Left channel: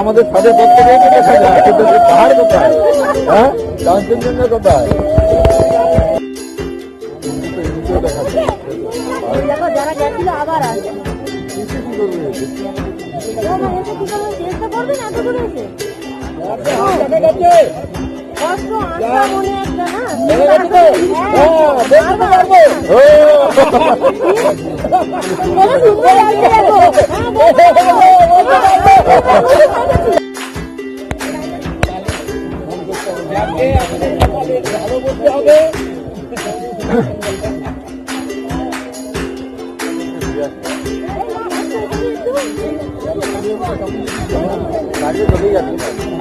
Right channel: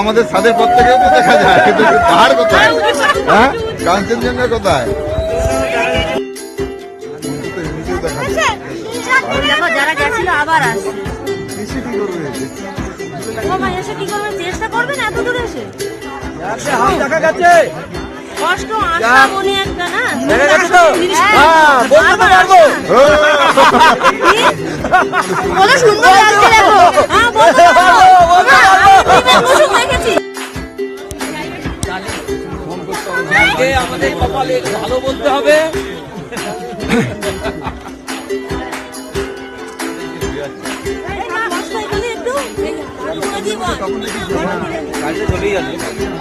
আমাদের ছাদের পর থেকেও তো দেখা যায়, কিন্তু পাহাড় কোথায়? হ্যাঁ, কাঞ্চনজঙ্ঘা কোথায়? যারা গেছিল আবার আসে। চেষ্টা করবেন এত দূরে এসে কষ্ট আসা মনে একটা না কত সুন্দর লাগছে দেখো। হ্যাঁ বলতে চলেই যাচ্ছি।